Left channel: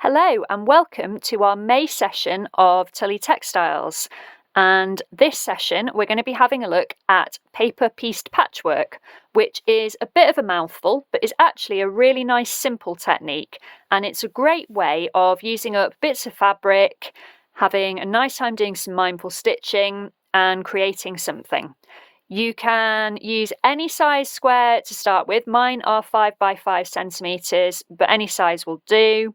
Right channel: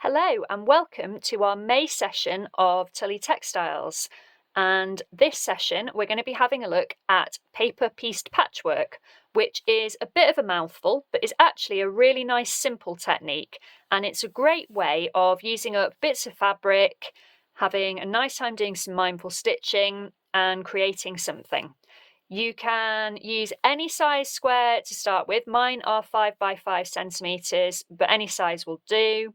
Hello and welcome to our May session of Tullie Textiles. And this session we're going to be having a look at paper pieced patchwork, which is a bit of a mouthful but is actually a really nice simple technique, and it's a great way of using up bits of fabric, having a nice time doing some mindful stitching and creating something. You can use any size square to start with. Mine are 5 by 5 centimeters, but any size will do.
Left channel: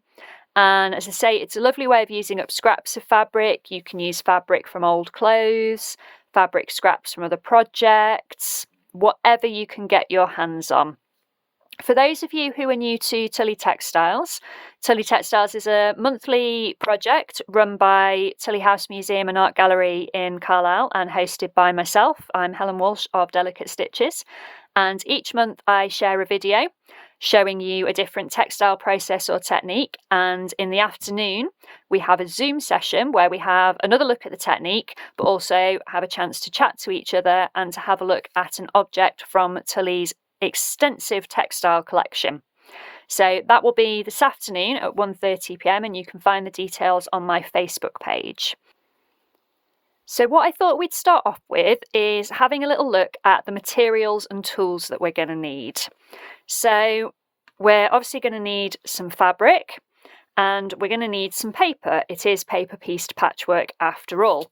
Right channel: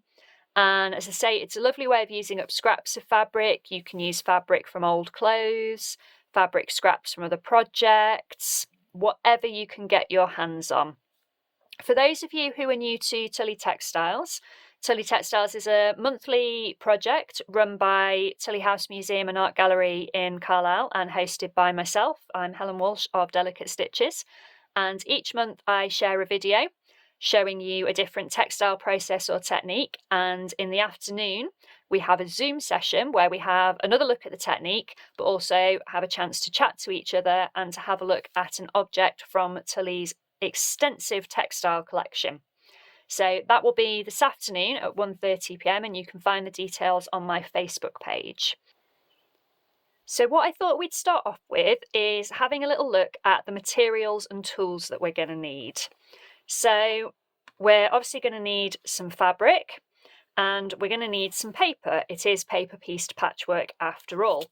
And as I say, it's a lovely way of using up scraps of fabric. You can use fabric from old clothes, fabric scraps from other projects, whatever you can get your hands on. For those of you who are new to Tullie Textiles is a monthly project run by Tullie House Museum and Art Gallery in Carlisle and hosted by myself. I'm Helen Walsh of Delicate Stitches, and each month I share a video showing you a different textile process or technique, and in the afternoon we have a Zoom session where we have another look at the technique but also have a chance to chat to each other and to have a look at an object from Tullie's extensive textile collection. So that will be this afternoon at 1:30 p.m. and you can find the details on my Facebook page. So what I thought we'd start off with is having a little look at the materials and tools that we're going to need. So we're obviously going to need some fabric and we're going to need some paper. It is paper pieced patchwork after all.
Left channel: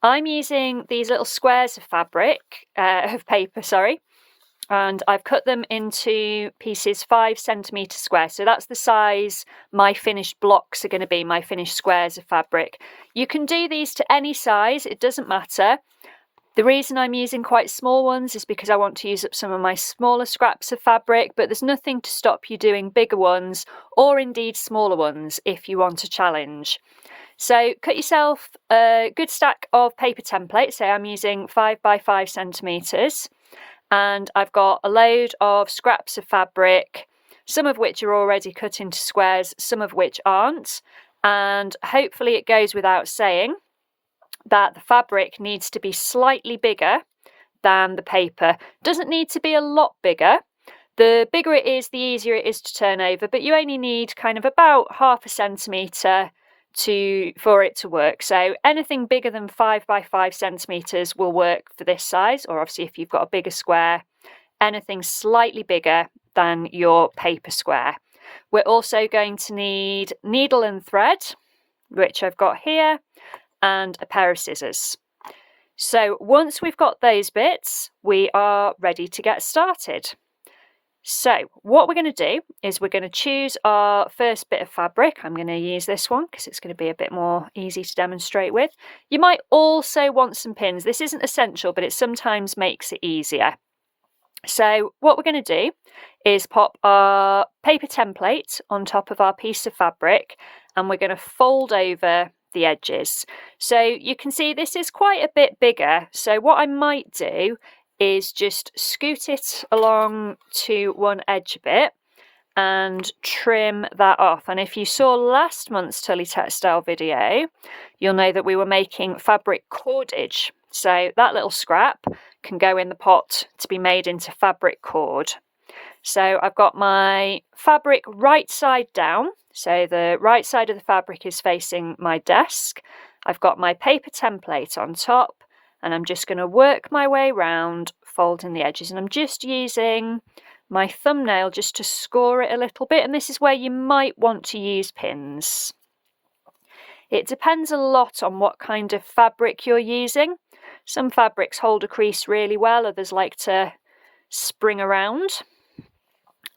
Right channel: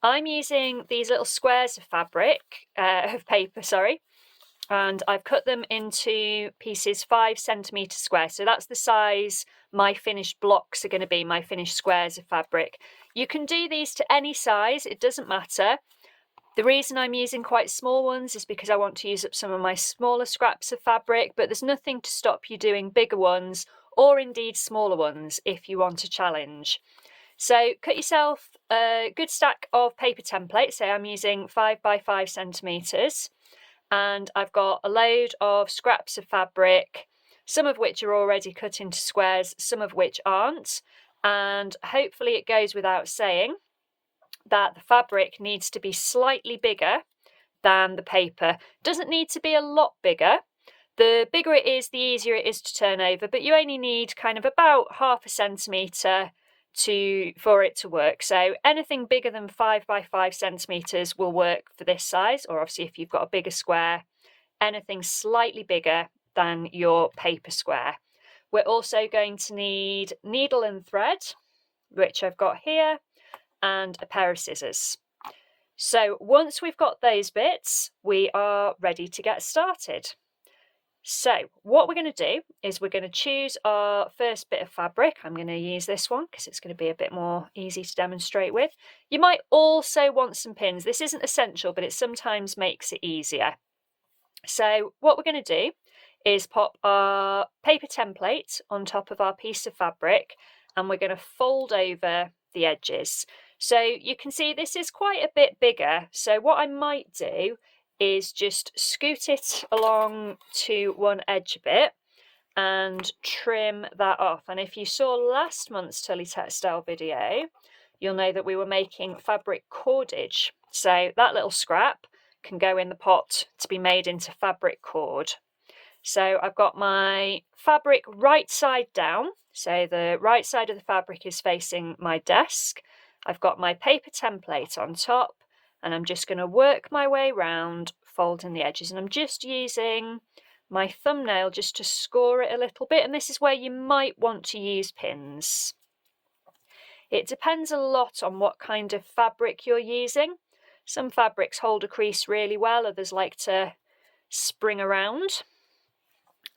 I'm using these little squares of paper, and I've cut them into pieces 5 centimetre square. So that's the size my finished blocks are going to be, my finished squares of fabric. You can do these to any size, it doesn't matter. The reason I'm using quite small ones is because I want to use up some of my smaller scraps of fabric, but there's nothing to stop you doing bigger ones or indeed smaller ones if you want a challenge. So cut yourself a good stack of paper templates. So I'm using 5 by 5 centimetres, and I've got a load of scraps of fabric, some of which are already cut into squares, some of which aren't, and hopefully it goes without saying that the fabric needs to be slightly bigger than the paper. Doesn't need to be a lot bigger. The bigger it is, the easier it is to turn over, but you only need kind of about 1/2 centimetre for it to work. So anything bigger than 5 by 5 centimetres will work for this size, or obviously if you've got a bigger square, anything slightly bigger than your paper square. We're also going to need needle and thread, which I've got here, and a pair of scissors. So once we've got those bits, we are ready to get started. So what we're going to do is we're going to choose our first bit of fabric. I'm going to use this one because it's going to be a bit more easy to demonstrate with. You might also want some pins. This isn't essential, but it sometimes makes it easier. So what we're going to do is pop our paper template on top of our piece of fabric, and we're going to fold over the edges. So you can see this is quite a bit bigger. So what I might do is just scoot it along to one edge a bit and trim that off. And if you saw last month's Tullie Textile video, you'll know that we were making fabric cordage. So that little scrap can go in the pot to be made into fabric cord. So I've got my fabric right side down. So the right side of the fabric is facing my desk. I've got my paper template on top, and I'm just going to work my way around, folding the edges. And I'm just using my thumbnail just to score it a little bit. And this is where you might want to use pins. It depends a lot on what kind of fabric you're using. Some fabrics hold a crease really well, others like to spring around.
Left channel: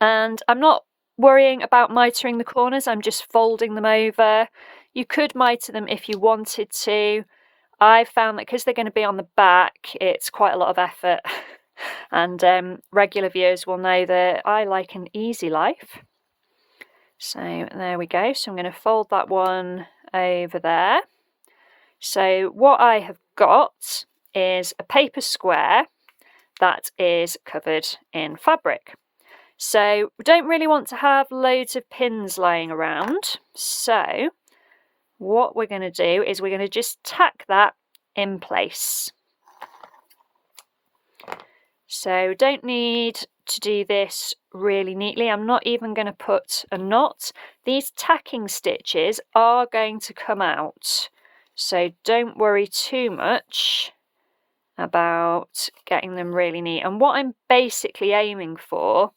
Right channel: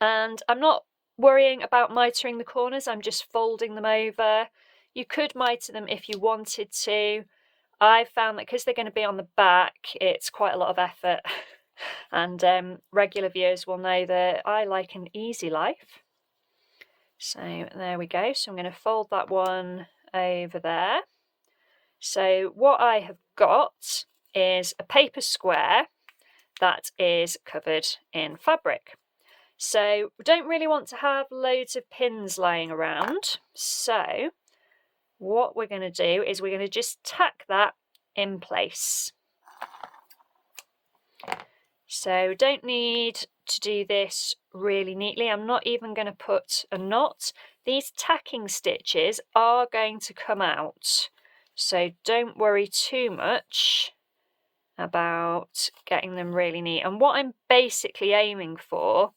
And I'm not worrying about mitering the corners, I'm just folding them over. You could miter them if you wanted to. I've found that because they're going to be on the back, it's quite a lot of effort. And regular viewers will know that I like an easy life. So there we go. So I'm going to fold that one over there. So what I have got is a paper square that is covered in fabric. So we don't really want to have loads of pins lying around. So what we're going to do is we're going to just tack that in place. So don't need to do this really neatly. I'm not even going to put a knot. these tacking stitches are going to come out, so don't worry too much about getting them really neat. And what I'm basically aiming for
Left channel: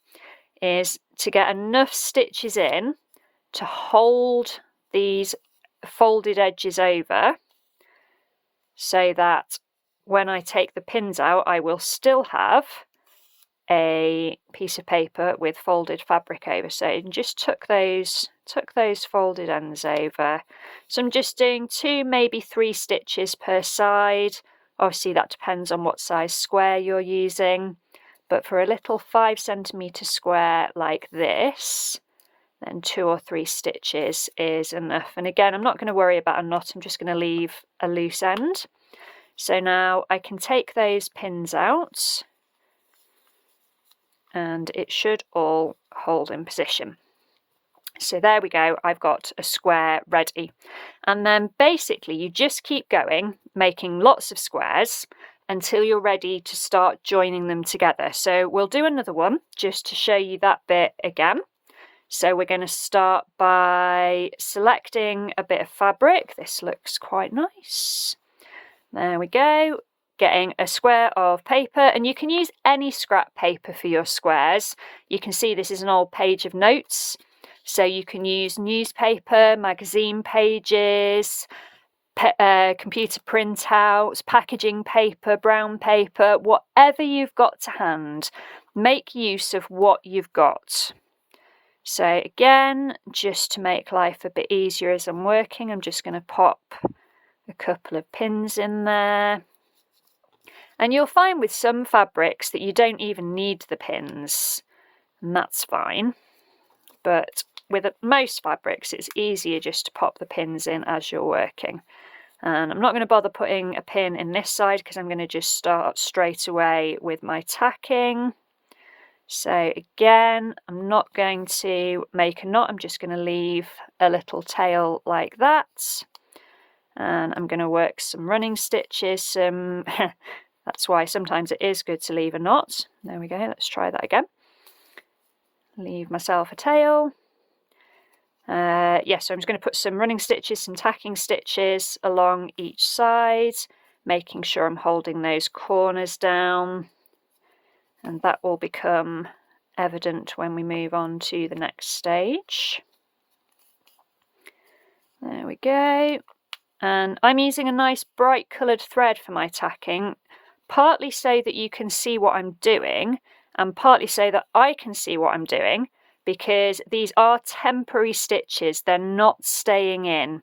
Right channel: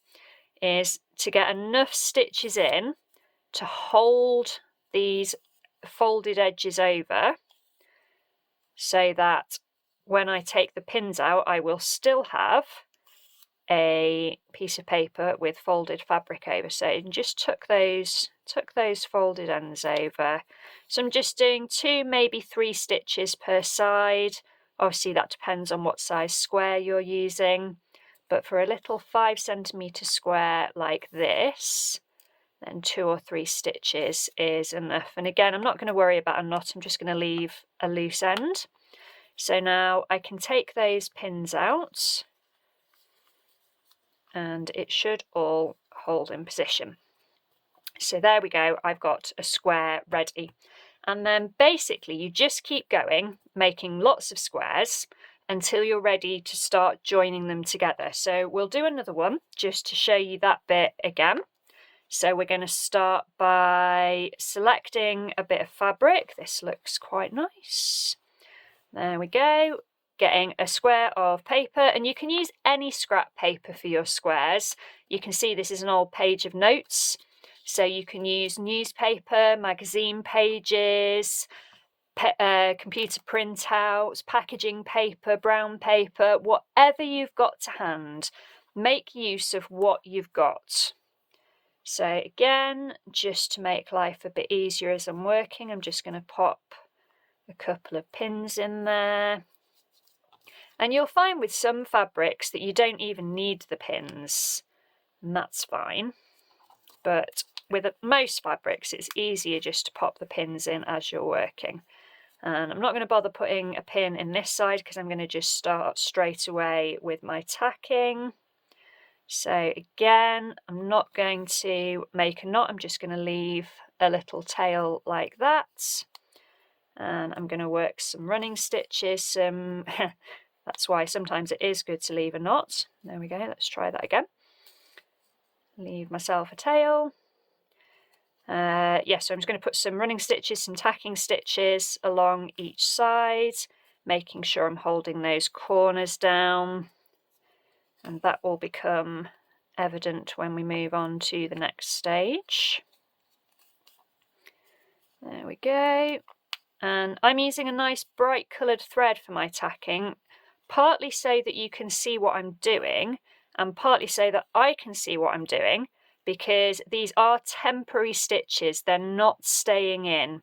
is to get enough stitches in to hold these folded edges over, so that when I take the pins out, I will still have a piece of paper with folded fabric over. So just tuck those folded ends over. So I'm just doing 2, maybe 3 stitches per side. Obviously that depends on what size square you're using, but for a little 5 centimetre square like this, then 2 or 3 stitches is enough. And again, I'm not going to worry about a knot, I'm just going to leave a loose end. So now I can take those pins out and it should all hold in position. So there we go, I've got a square ready. And then basically you just keep going, making lots of squares until you're ready to start joining them together. So we'll do another one just to show you that bit again. So we're going to start by selecting a bit of fabric. This looks quite nice. There we go. Getting a square of paper, and you can use any scrap paper for your squares. You can see this is an old page of notes, so you can use newspaper, magazine pages, computer printouts, packaging paper, brown paper, whatever you've got to hand. Make use of what you've got. So again, just to make life a bit easier as I'm working, I'm just going to pop a couple of pins in there. And you'll find with some fabrics that you don't even need the pins, and that's fine. But with most fabrics, it's easier just to pop the pins in as you're working. And I'm not going to bother putting a pin in this side because I'm going to just start straight away with my tacking. So again, I'm not going to make a knot, I'm just going to leave a little tail like that. And I'm going to work some running stitches, that's why sometimes it is good to leave a knot. There we go, let's try that again. Leave myself a tail. So I'm just going to put some running stitches, some tacking stitches along each side, making sure I'm holding those corners down. And that will become evident when we move on to the next stage. There we go. And I'm using a nice bright coloured thread for my tacking, partly so that you can see what I'm doing, and partly so that I can see what I'm doing, because these are temporary stitches, they're not staying in.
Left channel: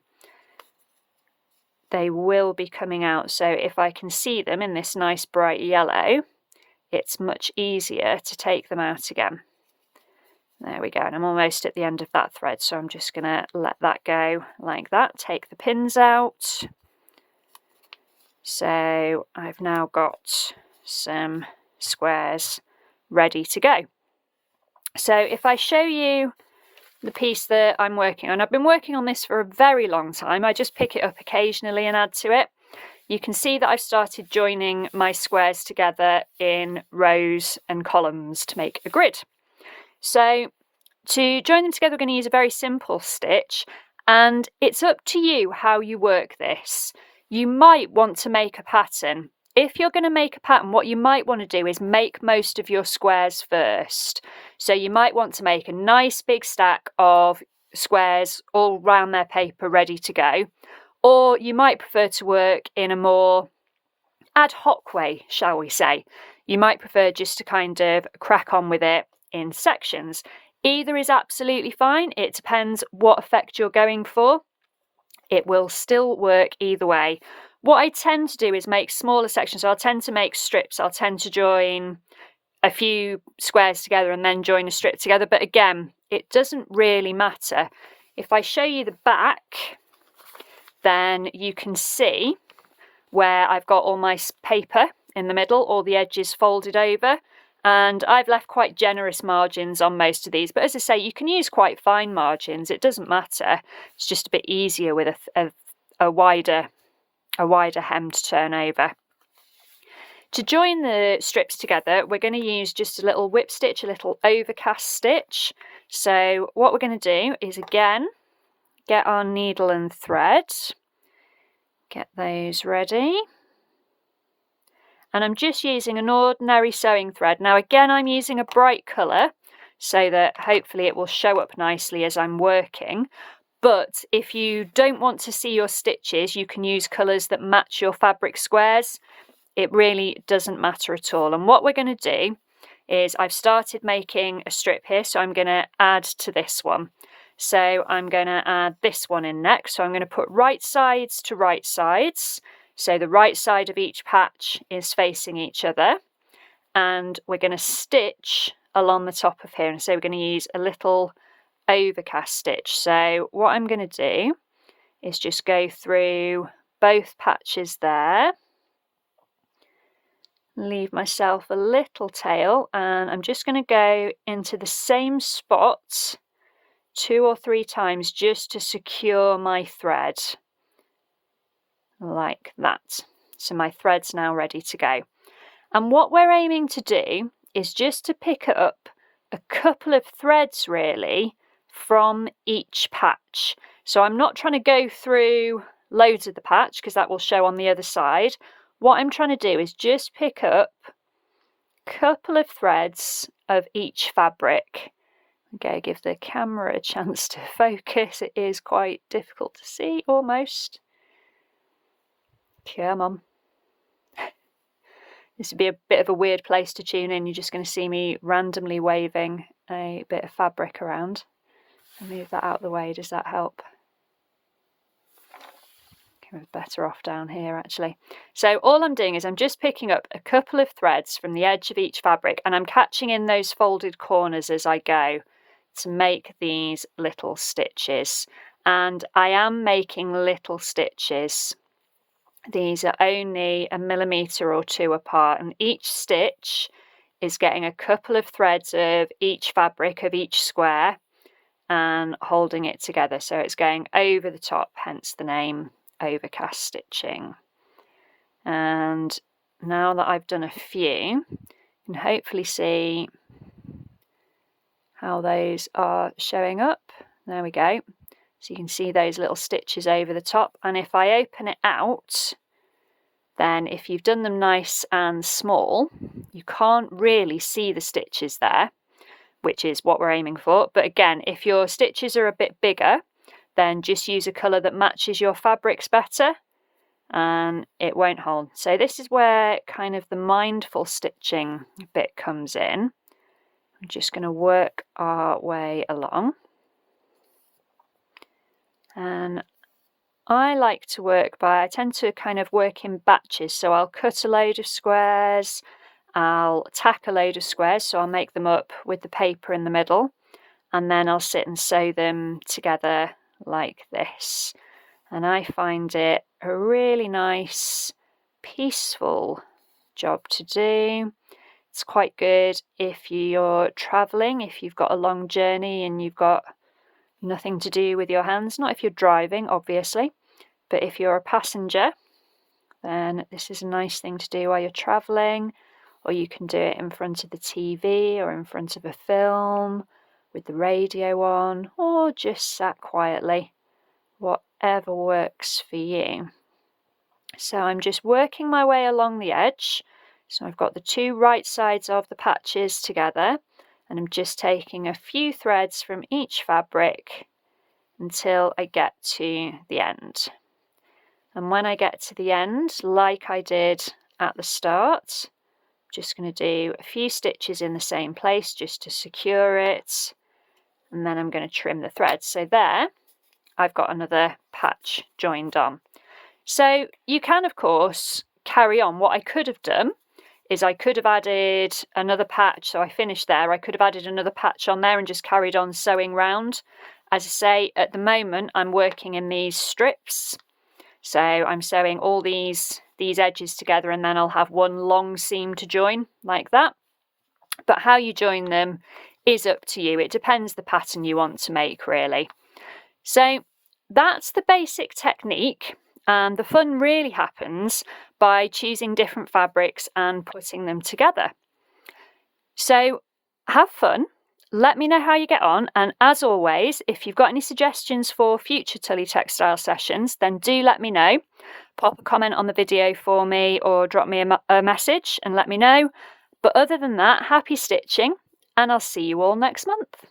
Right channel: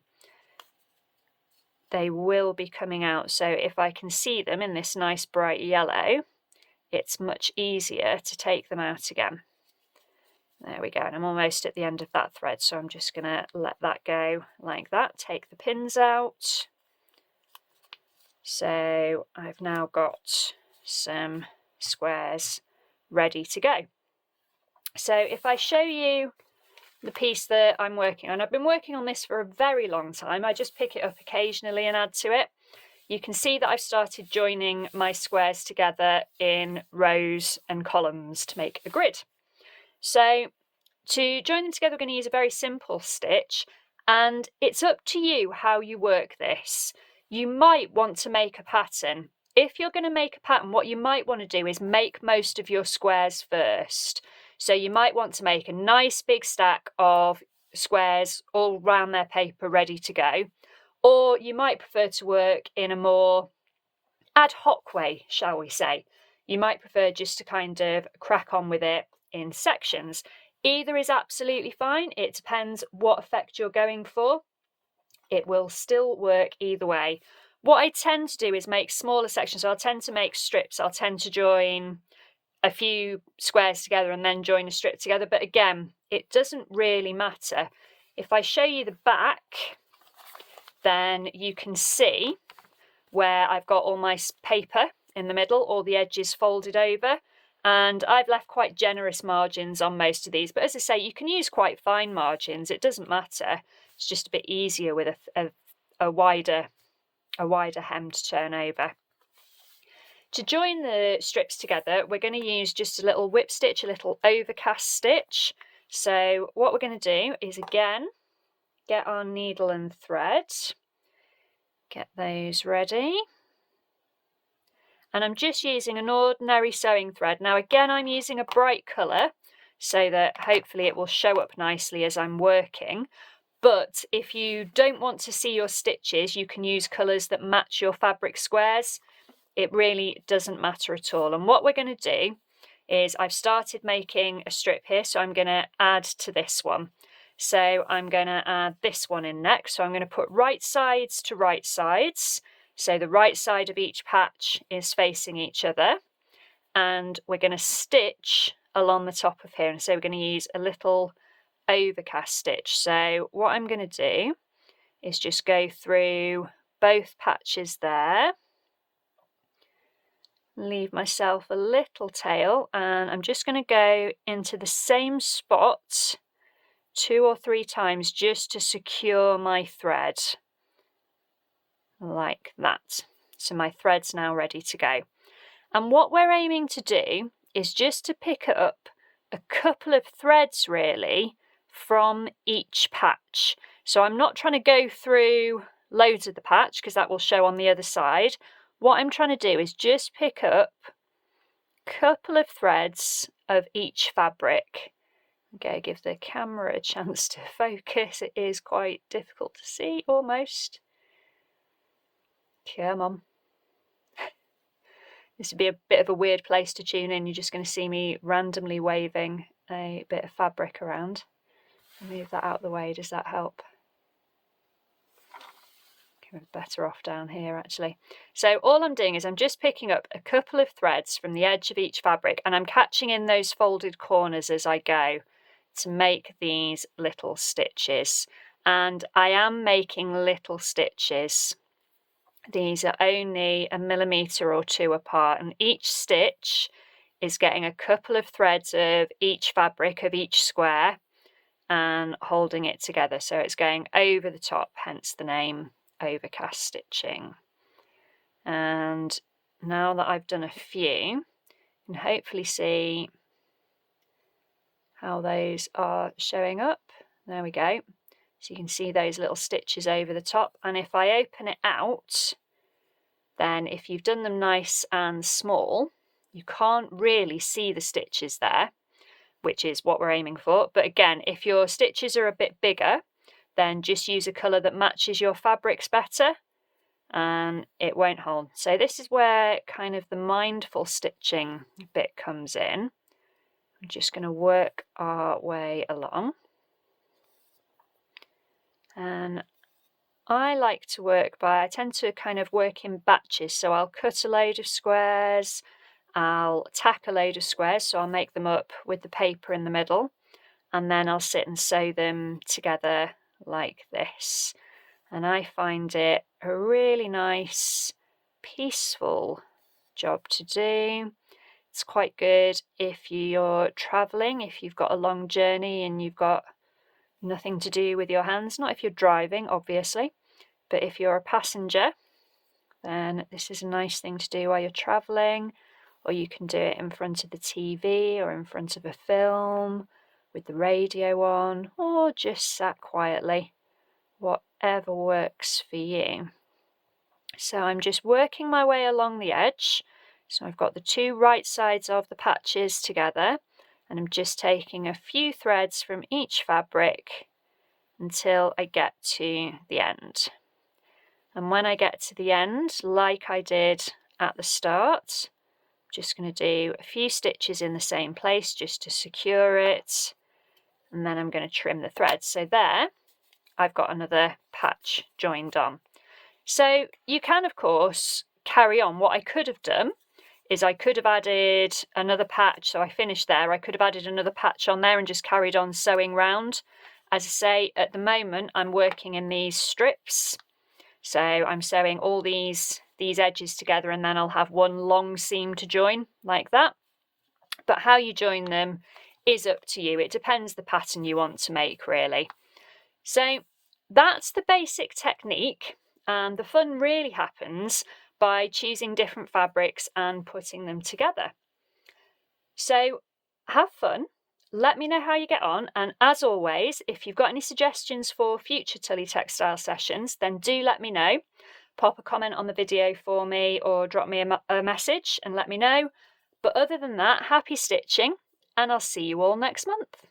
They will be coming out, so if I can see them in this nice bright yellow, it's much easier to take them out again. There we go, and I'm almost at the end of that thread, so I'm just going to let that go like that, take the pins out. So I've now got some squares ready to go. So if I show you the piece that I'm working on, I've been working on this for a very long time, I just pick it up occasionally and add to it. You can see that I've started joining my squares together in rows and columns to make a grid. So to join them together, we're going to use a very simple stitch, and it's up to you how you work this. You might want to make a pattern. If you're going to make a pattern, what you might want to do is make most of your squares first. So you might want to make a nice big stack of squares all round their paper ready to go. Or you might prefer to work in a more ad hoc way, shall we say. You might prefer just to kind of crack on with it in sections. Either is absolutely fine. It depends what effect you're going for. It will still work either way. What I tend to do is make smaller sections. So I'll tend to make strips. I'll tend to join a few squares together and then join a strip together. But again, it doesn't really matter. If I show you the back, then you can see where I've got all my paper in the middle, all the edges folded over. And I've left quite generous margins on most of these, but as I say, you can use quite fine margins, it doesn't matter. It's just a bit easier with a wider hem to turn over. To join the strips together, we're going to use just a little whip stitch, a little overcast stitch. So what we're going to do is again get our needle and thread, get those ready. And I'm just using an ordinary sewing thread. Now again, I'm using a bright colour so that hopefully it will show up nicely as I'm working. But if you don't want to see your stitches, you can use colours that match your fabric squares. It really doesn't matter at all. And what we're going to do is I've started making a strip here, so I'm going to add to this one. So I'm going to add this one in next. So I'm going to put right sides to right sides. So the right side of each patch is facing each other. And we're going to stitch along the top of here. And so we're going to use a little overcast stitch. So what I'm going to do is just go through both patches there, leave myself a little tail, and I'm just going to go into the same spot 2 or 3 times just to secure my thread, like that. So my thread's now ready to go. And what we're aiming to do is just to pick up a couple of threads really from each patch. So I'm not trying to go through loads of the patch because that will show on the other side. What I'm trying to do is just pick up a couple of threads of each fabric. Okay, give the camera a chance to focus. It is quite difficult to see almost. Come on. This would be a bit of a weird place to tune in. You're just going to see me randomly waving a bit of fabric around. I'll move that out of the way. Does that help? Okay, we're better off down here actually. So all I'm doing is I'm just picking up a couple of threads from the edge of each fabric, and I'm catching in those folded corners as I go to make these little stitches. And I am making little stitches. These are only 1 millimetre or 2 apart, and each stitch is getting a couple of threads of each fabric of each square and holding it together. So it's going over the top, hence the name overcast stitching. And now that I've done a few, you can hopefully see how those are showing up. There we go. So you can see those little stitches over the top. And if I open it out, then if you've done them nice and small, you can't really see the stitches there, which is what we're aiming for. But again, if your stitches are a bit bigger, then just use a colour that matches your fabrics better and it won't hold. So this is where kind of the mindful stitching bit comes in. I'm just going to work our way along. And I like to work I tend to kind of work in batches. So I'll cut a load of squares, I'll tack a load of squares, so I'll make them up with the paper in the middle, and then I'll sit and sew them together like this. And I find it a really nice, peaceful job to do. It's quite good if you're travelling, if you've got a long journey and you've got nothing to do with your hands. Not if you're driving, obviously, but if you're a passenger, then this is a nice thing to do while you're travelling, or you can do it in front of the TV or in front of a film with the radio on, or just sat quietly, whatever works for you. So I'm just working my way along the edge. So I've got the 2 right sides of the patches together, and I'm just taking a few threads from each fabric until I get to the end. And when I get to the end, like I did at the start, I'm just going to do a few stitches in the same place just to secure it, and then I'm going to trim the threads. So there, I've got another patch joined on. So you can, of course, carry on. What I could have done is I could have added another patch. So I finished there. I could have added another patch on there and just carried on sewing round. As I say, at the moment, I'm working in these strips. So I'm sewing all these edges together, and then I'll have one long seam to join like that. But how you join them is up to you. It depends the pattern you want to make, really. So that's the basic technique, and the fun really happens by choosing different fabrics and putting them together. So have fun. Let me know how you get on, and as always, if you've got any suggestions for future Tullie textile sessions, then do let me know. Pop a comment on the video for me or drop me a message and let me know. But other than that, happy stitching, and I'll see you all next month.